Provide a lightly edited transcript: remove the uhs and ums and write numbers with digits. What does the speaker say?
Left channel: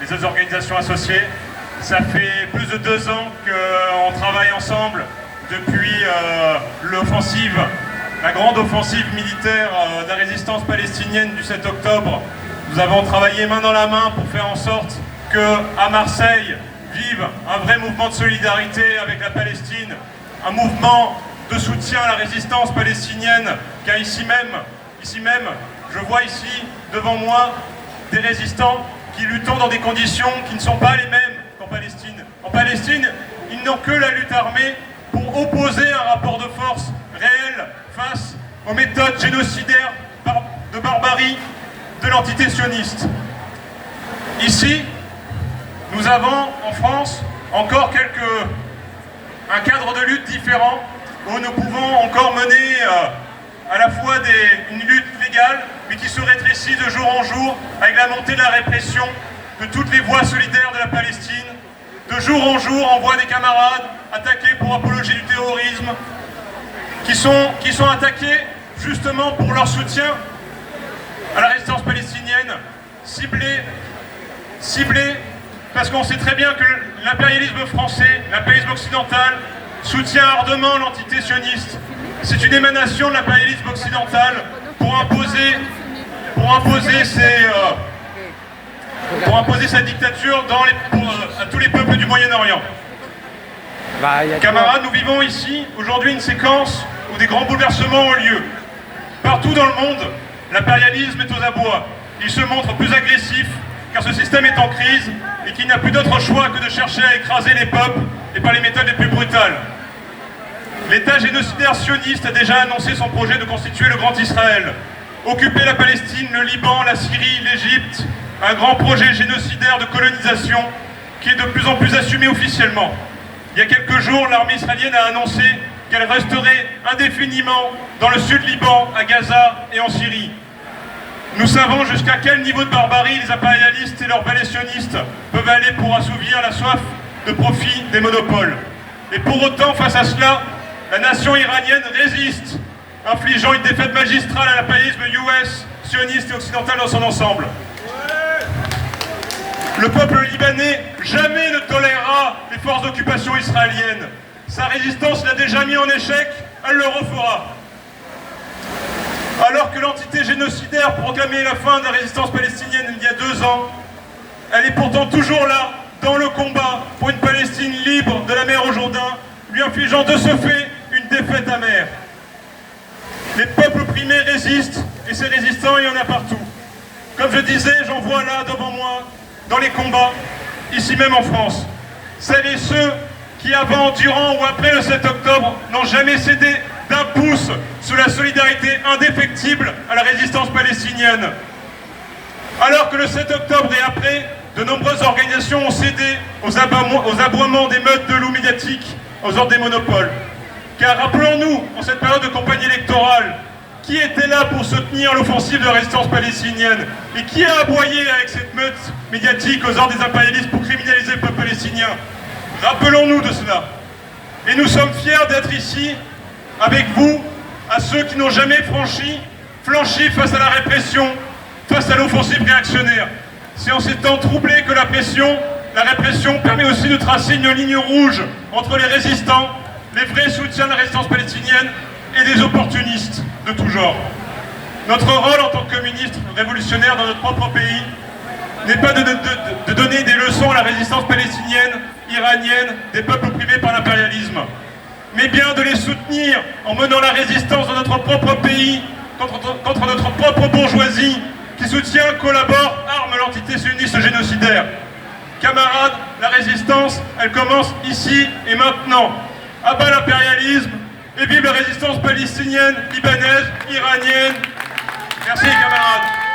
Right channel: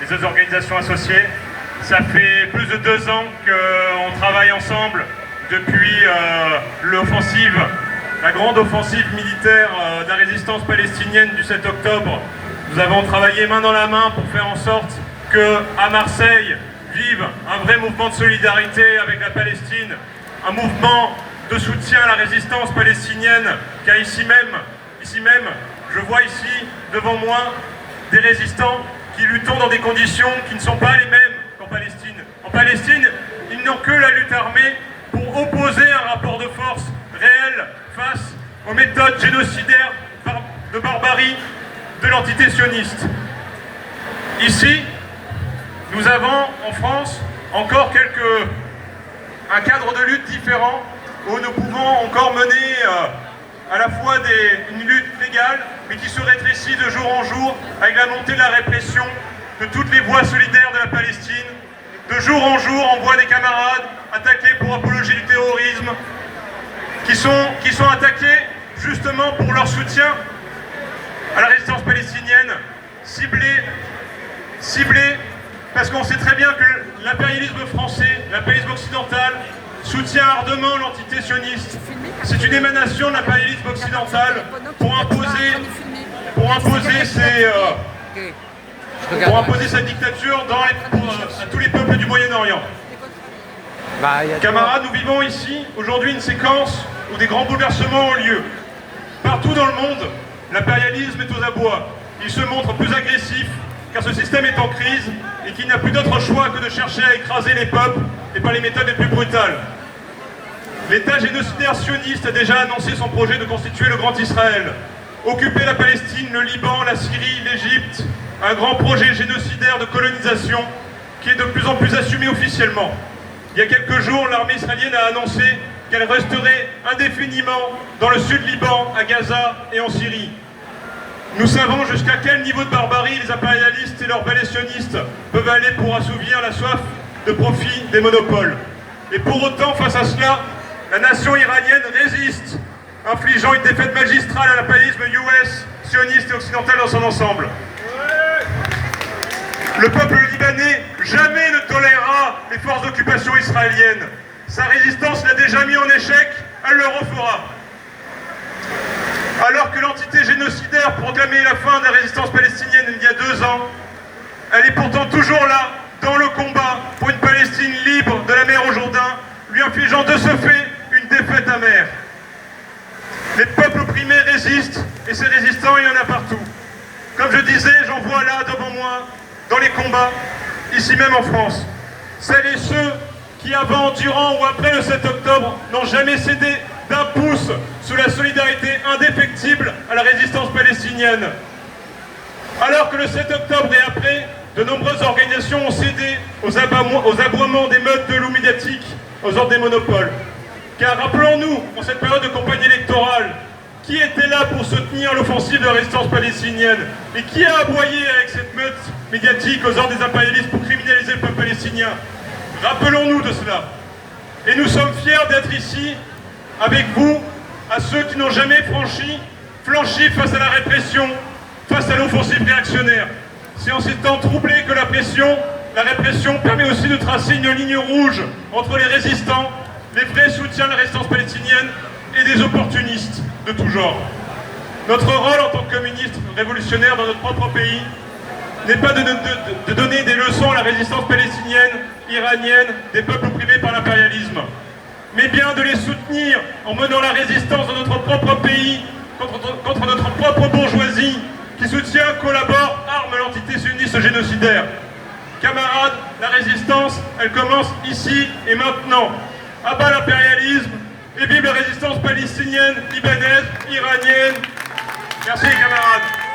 les autres organisations associées. Ça fait plus de 2 ans qu'on travaille ensemble depuis l'offensive, la grande offensive militaire de la résistance palestinienne du 7 octobre. Nous avons travaillé main dans la main pour faire en sorte qu'à Marseille vive un vrai mouvement de solidarité avec la Palestine, un mouvement de soutien à la résistance palestinienne, car ici même, je vois ici devant moi des résistants qui luttent dans des conditions qui ne sont pas les mêmes qu'en Palestine. En Palestine, ils n'ont que la lutte armée pour opposer un rapport de force réel face aux méthodes génocidaires de barbarie de l'entité sioniste. Ici, nous avons en France encore un cadre de lutte différent où nous pouvons encore mener à la fois une lutte légale, mais qui se rétrécit de jour en jour avec la montée de la répression de toutes les voix solidaires de la Palestine. De jour en jour, on voit des camarades attaqués pour apologie du terrorisme, qui sont attaqués justement pour leur soutien à la résistance palestinienne, ciblés, parce qu'on sait très bien que l'impérialisme français, l'impérialisme occidental, soutient ardemment l'entité sioniste. C'est une émanation de l'impérialisme occidental pour imposer sa dictature à tous les peuples du Moyen-Orient. Camarades, nous vivons ici aujourd'hui une séquence où des grands bouleversements ont lieu. Partout dans le monde, l'impérialisme est aux abois. Il se montre plus agressif car ce système est en crise et qu'il n'a plus d'autre choix que de chercher à écraser les peuples et par les méthodes les plus brutales. L'État génocidaire sioniste a déjà annoncé son projet de constituer le Grand Israël, occuper la Palestine, le Liban, la Syrie, l'Égypte, un grand projet génocidaire de colonisation qui est de plus en plus assumé officiellement. Il y a quelques jours, l'armée israélienne a annoncé qu'elle resterait indéfiniment dans le sud Liban, à Gaza et en Syrie. Nous savons jusqu'à quel niveau de barbarie les impérialistes et leurs valets sionistes peuvent aller pour assouvir la soif de profit des monopoles. Et pour autant, face à cela, la nation iranienne résiste, infligeant une défaite magistrale à l'impérialisme US, sioniste et occidental dans son ensemble. Le peuple libanais jamais ne tolérera les forces d'occupation israéliennes. Sa résistance l'a déjà mis en échec, elle le refera. Alors que l'entité génocidaire proclamait la fin de la résistance palestinienne il y a 2 ans, elle est pourtant toujours là, dans le combat pour une Palestine libre de la mer au Jourdain, lui infligeant de ce fait une défaite amère. Les peuples opprimés résistent, et ces résistants, il y en a partout. Comme je disais, j'en vois là devant moi, dans les combats, ici même en France. Celles et ceux qui, avant, durant ou après le 7 octobre, n'ont jamais cédé d'un pouce sous la solidarité indéfectible à la résistance palestinienne. Alors que le 7 octobre et après, de nombreuses organisations ont cédé aux aboiements des meutes de loups médiatiques, aux ordres des monopoles. Car rappelons-nous, en cette période de campagne électorale, qui était là pour soutenir l'offensive de la résistance palestinienne et qui a aboyé avec cette meute médiatique aux ordres des impérialistes pour criminaliser le peuple palestinien. Rappelons-nous de cela. Et nous sommes fiers d'être ici avec vous, à ceux qui n'ont jamais flanchi face à la répression, face à l'offensive réactionnaire. C'est en ces temps troublés que la répression permet aussi de tracer une ligne rouge entre les résistants, les vrais soutiens de la résistance palestinienne et des opportunistes de tout genre. Notre rôle en tant que ministre révolutionnaire dans notre propre pays n'est pas de donner des leçons à la résistance palestinienne, iranienne, des peuples opprimés par l'impérialisme, mais bien de les soutenir en menant la résistance dans notre propre pays contre notre propre bourgeoisie qui soutient, collabore, arme l'entité sioniste génocidaire. Camarades, la résistance, elle commence ici et maintenant. À bas l'impérialisme et vive la résistance palestinienne, libanaise, iranienne. Merci camarades.